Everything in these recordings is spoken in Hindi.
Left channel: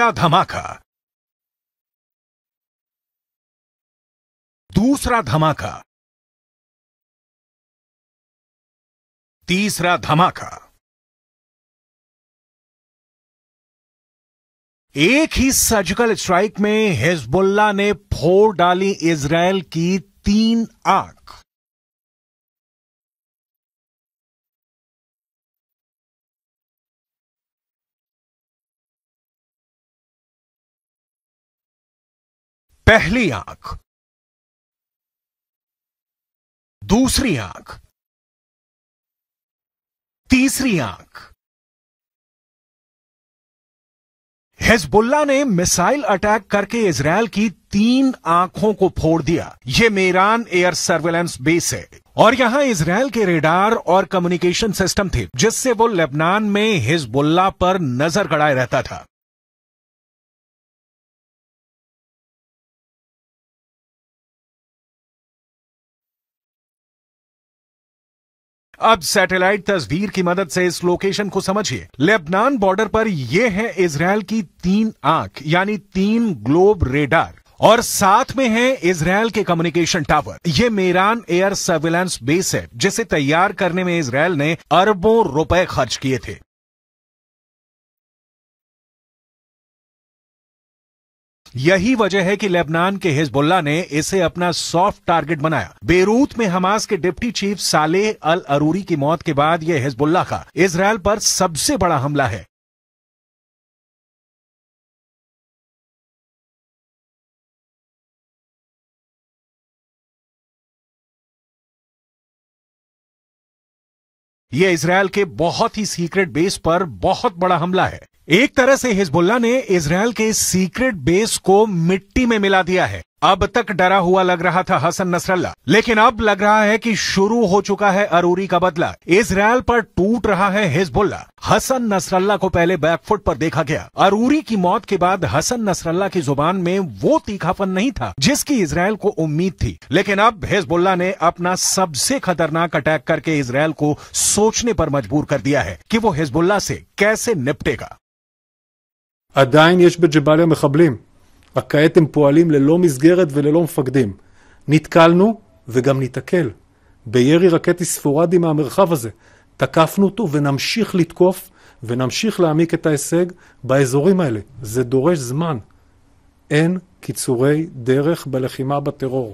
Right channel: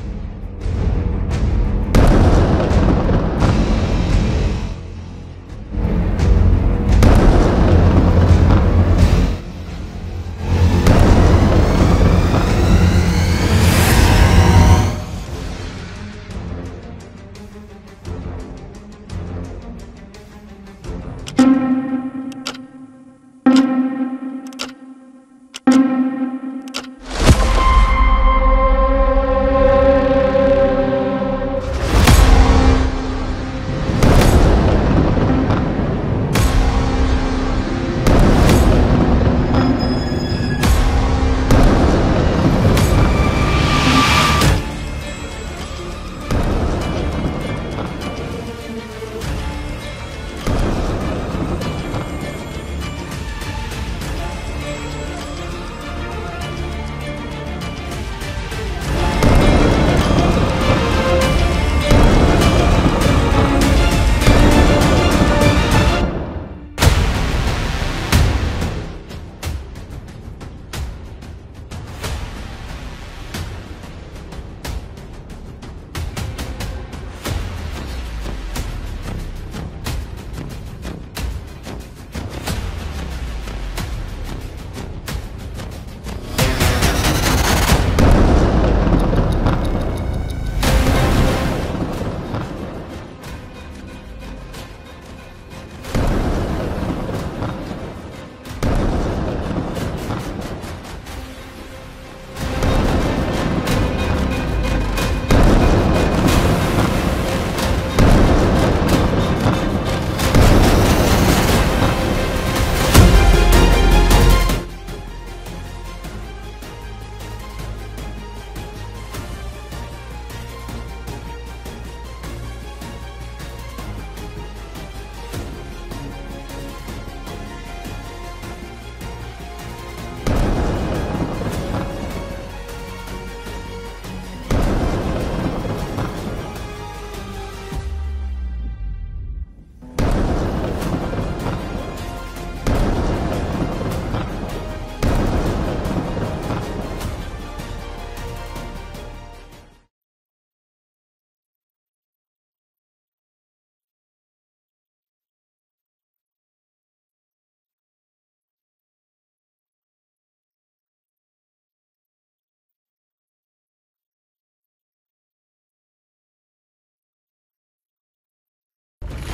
पहला धमाका, दूसरा धमाका, तीसरा धमाका। एक ही सर्जिकल स्ट्राइक में हिजबुल्लाह ने फोड़ डाली इजरायल की 3 आंख। पहली आंख, दूसरी आंख, तीसरी आंख। हिजबुल्लाह ने मिसाइल अटैक करके इजरायल की 3 आंखों को फोड़ दिया। ये मेरान एयर सर्विलेंस बेस है और यहां इजरायल के रेडार और कम्युनिकेशन सिस्टम थे, जिससे वो लेबनान में हिजबुल्लाह पर नजर गड़ाए रहता था। अब सैटेलाइट तस्वीर की मदद से इस लोकेशन को समझिए। लेबनान बॉर्डर पर यह है इजरायल की 3 आंख, यानी 3 ग्लोब रेडार, और साथ में है इजरायल के कम्युनिकेशन टावर। ये मेरान एयर सर्विलेंस बेस है, जिसे तैयार करने में इजरायल ने अरबों रुपए खर्च किए थे। यही वजह है कि लेबनान के हिजबुल्लाह ने इसे अपना सॉफ्ट टारगेट बनाया। बेरूत में हमास के डिप्टी चीफ सालेह अल अरूरी की मौत के बाद यह हिजबुल्लाह का इजरायल पर सबसे बड़ा हमला है। यह इजरायल के बहुत ही सीक्रेट बेस पर बहुत बड़ा हमला है। एक तरह से हिजबुल्लाह ने इजरायल के सीक्रेट बेस को मिट्टी में मिला दिया है। अब तक डरा हुआ लग रहा था हसन नसरल्लाह, लेकिन अब लग रहा है कि शुरू हो चुका है अरूरी का बदला। इजरायल पर टूट रहा है हिजबुल्लाह। हसन नसरल्लाह को पहले बैकफुट पर देखा गया। अरूरी की मौत के बाद हसन नसरल्लाह की जुबान में वो तीखापन नहीं था जिसकी इजरायल को उम्मीद थी, लेकिन अब हिजबुल्लाह ने अपना सबसे खतरनाक अटैक करके इजरायल को सोचने पर मजबूर कर दिया है कि वो हिजबुल्लाह से कैसे निपटेगा। עדיין יש בג'באליה מחבלים, רק כעת הם פועלים ללא מסגרת וללא מפקדים. נתקלנו וגם ניתקל בירי רקטי ספורדי מהמרחב הזה. תקפנו אותו ונמשיך לתקוף ונמשיך להעמיק את ההישג באזורים האלה. זה דורש זמן. אין קיצורי דרך בלחימה בטרור.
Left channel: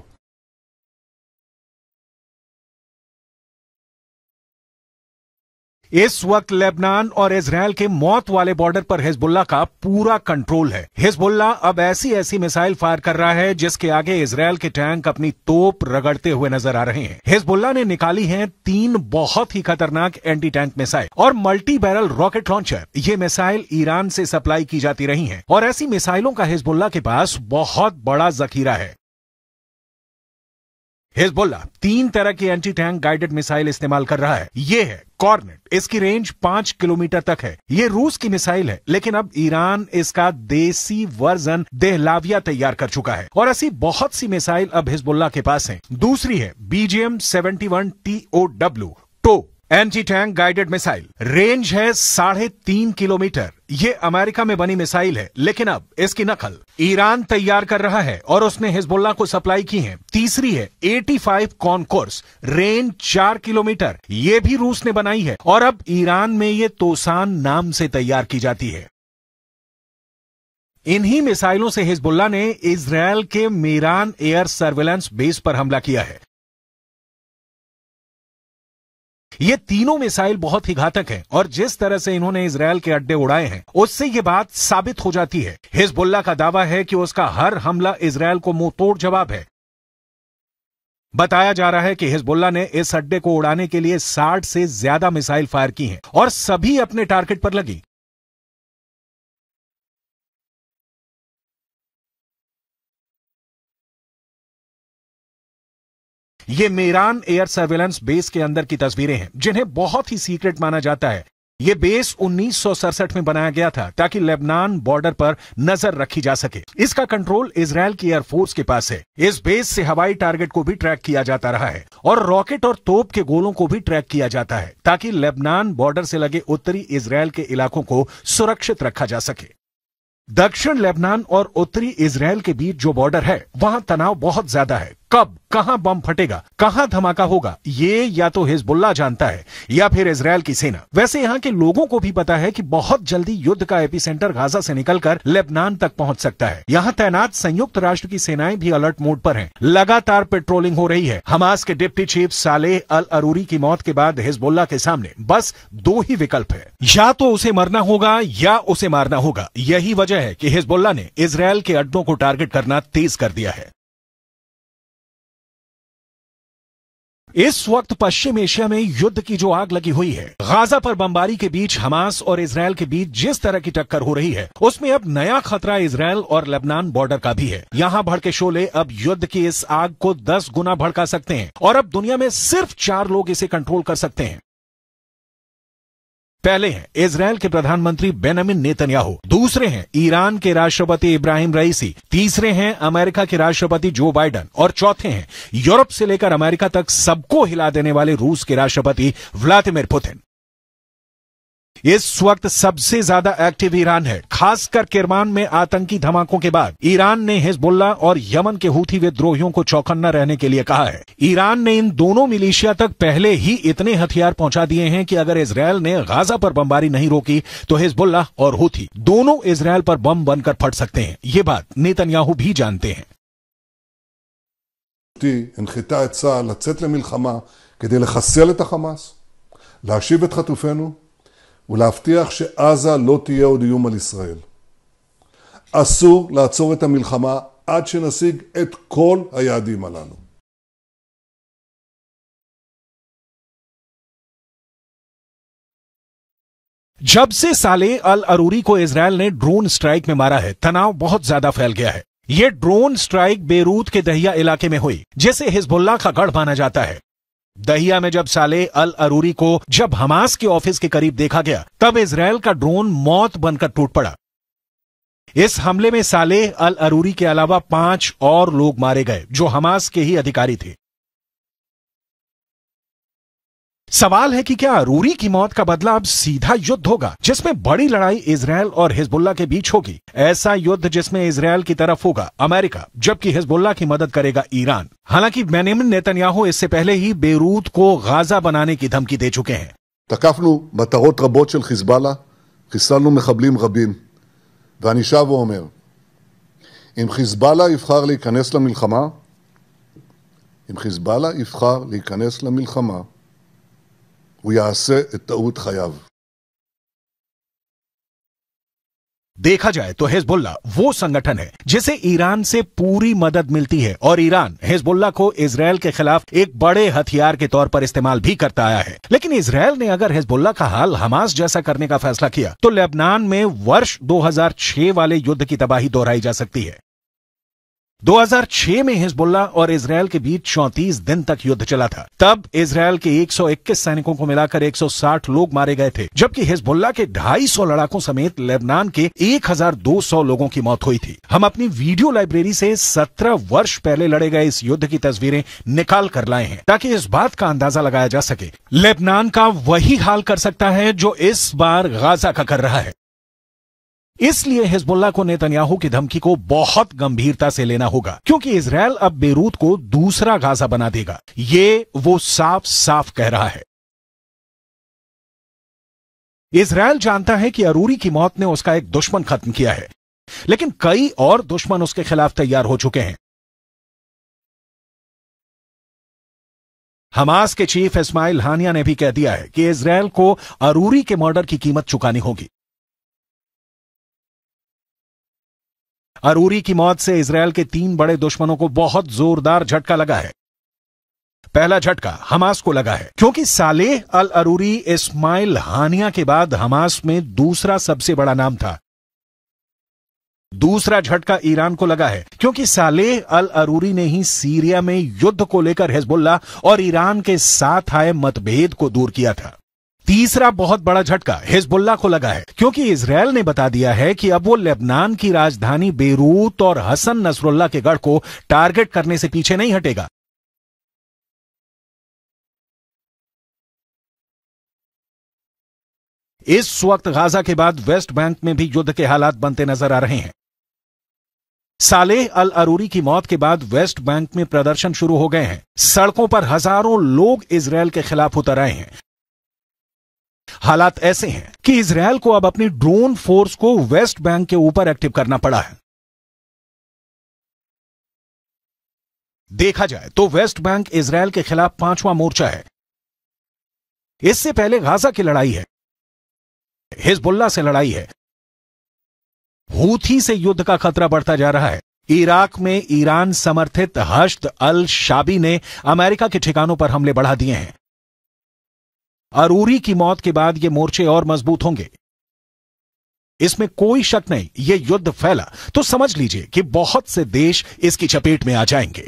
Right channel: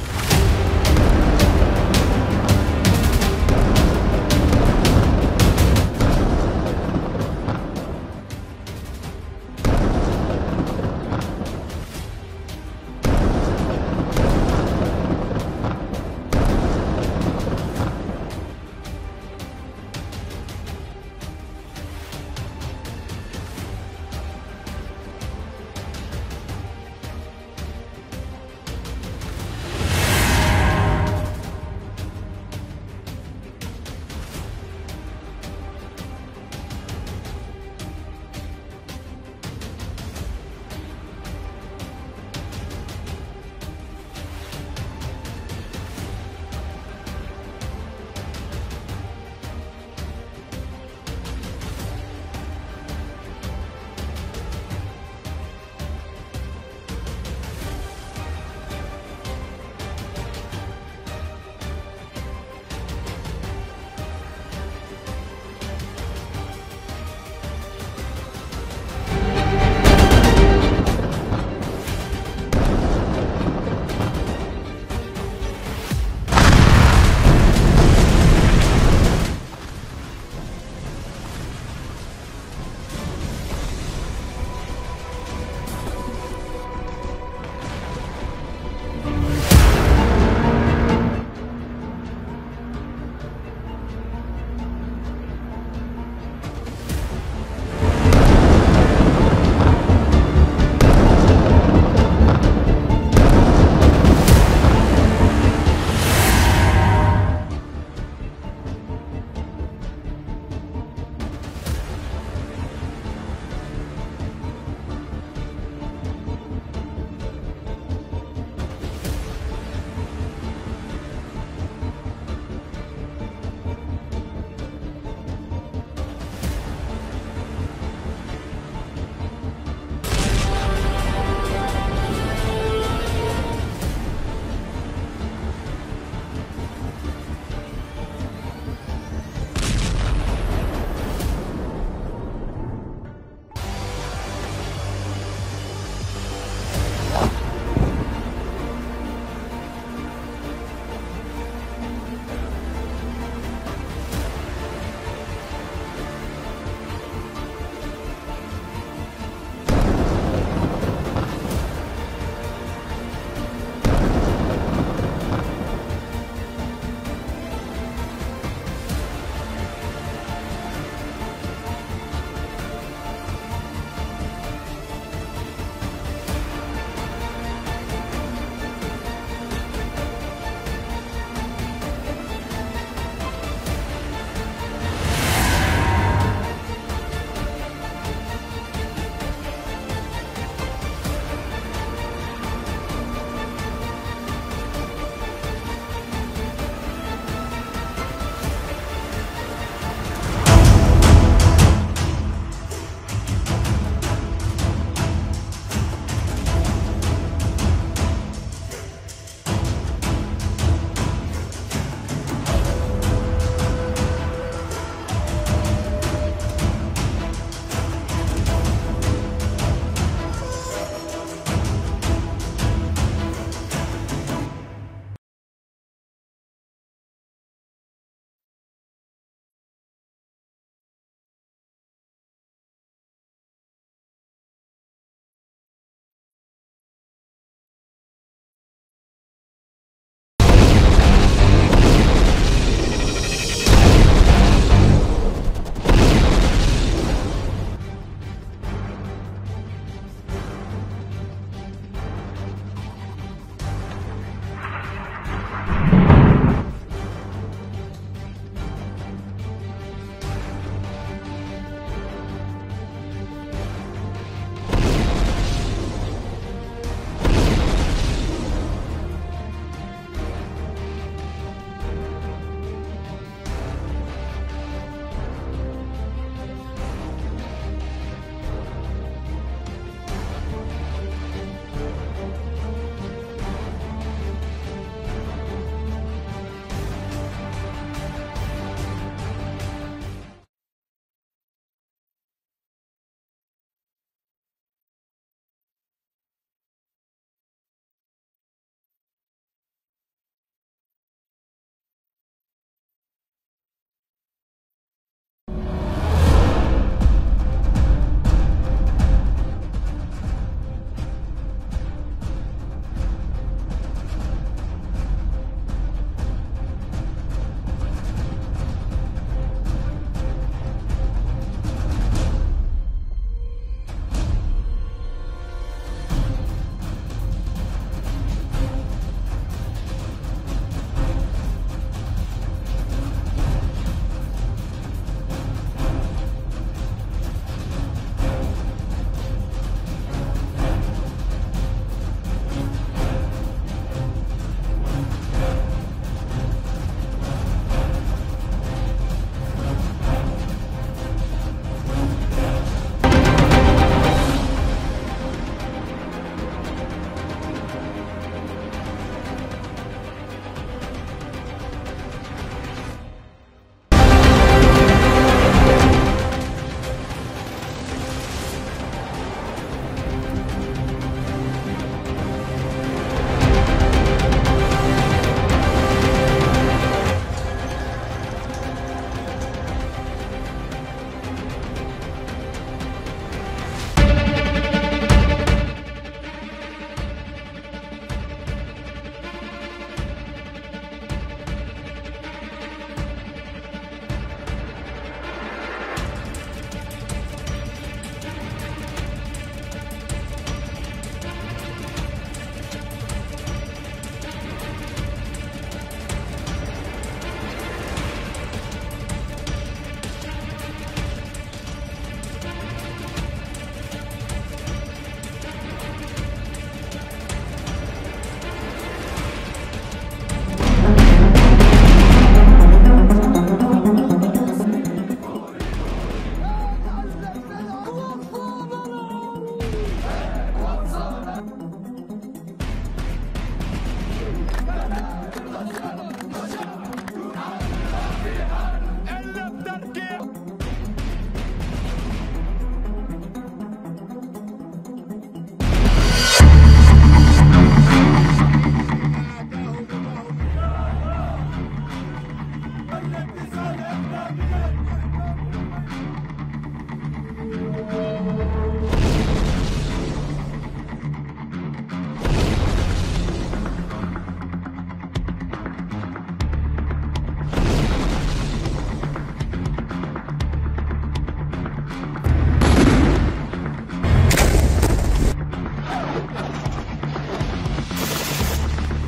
इस वक्त लेबनान और इजरायल के मौत वाले बॉर्डर पर हिजबुल्लाह का पूरा कंट्रोल है। हिजबुल्लाह अब ऐसी मिसाइल फायर कर रहा है जिसके आगे इजरायल के टैंक अपनी तोप रगड़ते हुए नजर आ रहे हैं। हिजबुल्लाह ने निकाली हैं 3 बहुत ही खतरनाक एंटी टैंक मिसाइल और मल्टी बैरल रॉकेट लॉन्चर। ये मिसाइल ईरान से सप्लाई की जाती रही हैं और ऐसी मिसाइलों का हिजबुल्लाह के पास बहुत बड़ा जखीरा है। हिजबुल्लाह 3 तरह की एंटी टैंक गाइडेड मिसाइल इस्तेमाल कर रहा है। ये है कॉर्न, इसकी रेंज 5 किलोमीटर तक है। ये रूस की मिसाइल है, लेकिन अब ईरान इसका देसी वर्जन देहलाविया तैयार कर चुका है और ऐसी बहुत सी मिसाइल अब हिजबुल्लाह के पास है। दूसरी है BGM-71 TOW tow anti tank guided missile. Range है 3.5 किलोमीटर। ये अमेरिका में बनी मिसाइल है, लेकिन अब इसकी नकल ईरान तैयार कर रहा है और उसने हिजबुल्लाह को सप्लाई की है। तीसरी है 85 कॉनकोर्स, रेंज 4 किलोमीटर। ये भी रूस ने बनाई है और अब ईरान में ये तोसान नाम से तैयार की जाती है। इन्हीं मिसाइलों से हिजबुल्लाह ने इजरायल के मेरान एयर सर्विलेंस बेस पर हमला किया है। ये तीनों मिसाइल बहुत ही घातक हैं और जिस तरह से इन्होंने इजरायल के अड्डे उड़ाए हैं, उससे ये बात साबित हो जाती है। हिजबुल्लाह का दावा है कि उसका हर हमला इजरायल को मुंहतोड़ जवाब है। बताया जा रहा है कि हिजबुल्लाह ने इस अड्डे को उड़ाने के लिए 60 से ज्यादा मिसाइल फायर की हैं और सभी अपने टारगेट पर लगी। ये मेरान एयर सर्विलेंस बेस के अंदर की तस्वीरें हैं, जिन्हें बहुत ही सीक्रेट माना जाता है। ये बेस 1967 में बनाया गया था ताकि लेबनान बॉर्डर पर नजर रखी जा सके। इसका कंट्रोल इजरायल की एयरफोर्स के पास है। इस बेस से हवाई टारगेट को भी ट्रैक किया जाता रहा है और रॉकेट और तोप के गोलों को भी ट्रैक किया जाता है ताकि लेबनान बॉर्डर से लगे उत्तरी इजरायल के इलाकों को सुरक्षित रखा जा सके। दक्षिण लेबनान और उत्तरी इजराइल के बीच जो बॉर्डर है वहाँ तनाव बहुत ज्यादा है। कब कहाँ बम फटेगा, कहाँ धमाका होगा, ये या तो हिजबुल्लाह जानता है या फिर इजराइल की सेना। वैसे यहाँ के लोगों को भी पता है कि बहुत जल्दी युद्ध का एपिसेंटर गाजा से निकलकर लेबनान तक पहुँच सकता है। यहाँ तैनात संयुक्त राष्ट्र की सेनाएं भी अलर्ट मोड पर हैं। लगातार पेट्रोलिंग हो रही है। हमास के डिप्टी चीफ सालेह अल अरूरी की मौत के बाद हिजबुल्लाह के सामने बस दो ही विकल्प है, या तो उसे मरना होगा या उसे मारना होगा। यही वजह है कि हिजबुल्लाह ने इजराइल के अड्डों को टारगेट करना तेज कर दिया है। इस वक्त पश्चिम एशिया में युद्ध की जो आग लगी हुई है, गाजा पर बमबारी के बीच हमास और इजराइल के बीच जिस तरह की टक्कर हो रही है, उसमें अब नया खतरा इजराइल और लेबनान बॉर्डर का भी है। यहाँ भड़के शोले अब युद्ध की इस आग को 10 गुना भड़का सकते हैं और अब दुनिया में सिर्फ 4 लोग इसे कंट्रोल कर सकते हैं। पहले हैं इजराइल के प्रधानमंत्री बेंजामिन नेतन्याहू, दूसरे हैं ईरान के राष्ट्रपति इब्राहिम रईसी, तीसरे हैं अमेरिका के राष्ट्रपति जो बाइडेन और चौथे हैं यूरोप से लेकर अमेरिका तक सबको हिला देने वाले रूस के राष्ट्रपति व्लादिमीर पुतिन। इस वक्त सबसे ज्यादा एक्टिव ईरान है, खासकर किरमान में आतंकी धमाकों के बाद ईरान ने हिजबुल्लाह और यमन के हूथी विद्रोहियों को चौकन्ना रहने के लिए कहा है। ईरान ने इन दोनों मिलिशिया तक पहले ही इतने हथियार पहुंचा दिए हैं कि अगर इजराइल ने गाजा पर बमबारी नहीं रोकी तो हिजबुल्लाह और हूथी दोनों इजराइल पर बम बनकर फट सकते हैं। ये बात नेतन्याहू भी जानते हैं। הנחתה את צה"ל לצאת למלחמה כדי לחסל את החמאס, להשיב את חטופינו ולהבטיח שעזה לא תהיה עוד איום על ישראל. אסור לעצור את המלחמה עד שנשיג את כל היעדים הללו. जब से सालेह अल अरूरी को इजराइल ने ड्रोन स्ट्राइक में मारा है, तनाव बहुत ज्यादा फैल गया है। ये ड्रोन स्ट्राइक बेरूत के दहिया इलाके में हुई, जिसे हिजबुल्लाह का गढ़ माना जाता है। दहिया में जब सालेह अल अरूरी को जब हमास के ऑफिस के करीब देखा गया, तब इजराइल का ड्रोन मौत बनकर टूट पड़ा। इस हमले में सालेह अल अरूरी के अलावा 5 और लोग मारे गए जो हमास के ही अधिकारी थे। सवाल है कि क्या अरूरी की मौत का बदला अब सीधा युद्ध होगा, जिसमें बड़ी लड़ाई इजराइल और हिजबुल्लाह के बीच होगी। ऐसा युद्ध जिसमें इजराइल की तरफ होगा अमेरिका, जबकि हिजबुल्लाह की मदद करेगा ईरान। हालांकि बेंजामिन नेतन्याहू इससे पहले ही बेरूत को गाजा बनाने की धमकी दे चुके हैं। תקפנו מטרות רבות של חיזבאללה, חיסלנו מחבלים רבים, ואני שב ואומר, אם חיזבאללה יבחר להיכנס למלחמה, הוא יעשה את טעות חייו. देखा जाए तो हिजबुल्लाह वो संगठन है जिसे ईरान से पूरी मदद मिलती है और ईरान हिजबुल्लाह को इजराइल के खिलाफ एक बड़े हथियार के तौर पर इस्तेमाल भी करता आया है। लेकिन इजराइल ने अगर हिजबुल्लाह का हाल हमास जैसा करने का फैसला किया तो लेबनान में वर्ष 2006 वाले युद्ध की तबाही दोहराई जा सकती है। 2006 में हिजबुल्लाह और इजराइल के बीच 34 दिन तक युद्ध चला था। तब इजराइल के 121 सैनिकों को मिलाकर 160 लोग मारे गए थे, जबकि हिजबुल्लाह के 250 लड़ाकों समेत लेबनान के 1200 लोगों की मौत हुई थी। हम अपनी वीडियो लाइब्रेरी से 17 वर्ष पहले लड़े गए इस युद्ध की तस्वीरें निकाल कर लाए हैं ताकि इस बात का अंदाजा लगाया जा सके। लेबनान का वही हाल कर सकता है जो इस बार गाजा का कर रहा है। इसलिए हिजबुल्लाह को नेतन्याहू की धमकी को बहुत गंभीरता से लेना होगा, क्योंकि इजराइल अब बेरूत को दूसरा गाजा बना देगा। ये वो साफ साफ कह रहा है। इजराइल जानता है कि अरूरी की मौत ने उसका एक दुश्मन खत्म किया है, लेकिन कई और दुश्मन उसके खिलाफ तैयार हो चुके हैं। हमास के चीफ इस्माइल हानिया ने भी कह दिया है कि इजराइल को अरूरी के मर्डर की कीमत चुकानी होगी। अरूरी की मौत से इजराइल के 3 बड़े दुश्मनों को बहुत जोरदार झटका लगा है। पहला झटका हमास को लगा है, क्योंकि सालेह अल अरूरी इस्माइल हानिया के बाद हमास में दूसरा सबसे बड़ा नाम था। दूसरा झटका ईरान को लगा है, क्योंकि सालेह अल अरूरी ने ही सीरिया में युद्ध को लेकर हिजबुल्लाह और ईरान के साथ आए मतभेद को दूर किया था। तीसरा बहुत बड़ा झटका हिजबुल्लाह को लगा है, क्योंकि इजराइल ने बता दिया है कि अब वो लेबनान की राजधानी बेरूत और हसन नसरुल्लाह के गढ़ को टारगेट करने से पीछे नहीं हटेगा। इस वक्त गाजा के बाद वेस्ट बैंक में भी युद्ध के हालात बनते नजर आ रहे हैं। सालेह अल अरूरी की मौत के बाद वेस्ट बैंक में प्रदर्शन शुरू हो गए हैं। सड़कों पर हजारों लोग इजरायल के खिलाफ उतर आए हैं। हालात ऐसे हैं कि इजरायल को अब अपनी ड्रोन फोर्स को वेस्ट बैंक के ऊपर एक्टिव करना पड़ा है। देखा जाए तो वेस्ट बैंक इजरायल के खिलाफ 5वां मोर्चा है। इससे पहले गाजा की लड़ाई है, हिजबुल्लाह से लड़ाई है, हूथी से युद्ध का खतरा बढ़ता जा रहा है। इराक में ईरान समर्थित हश्द अल शाबी ने अमेरिका के ठिकानों पर हमले बढ़ा दिए हैं। अरूरी की मौत के बाद ये मोर्चे और मजबूत होंगे, इसमें कोई शक नहीं। ये युद्ध फैला तो समझ लीजिए कि बहुत से देश इसकी चपेट में आ जाएंगे।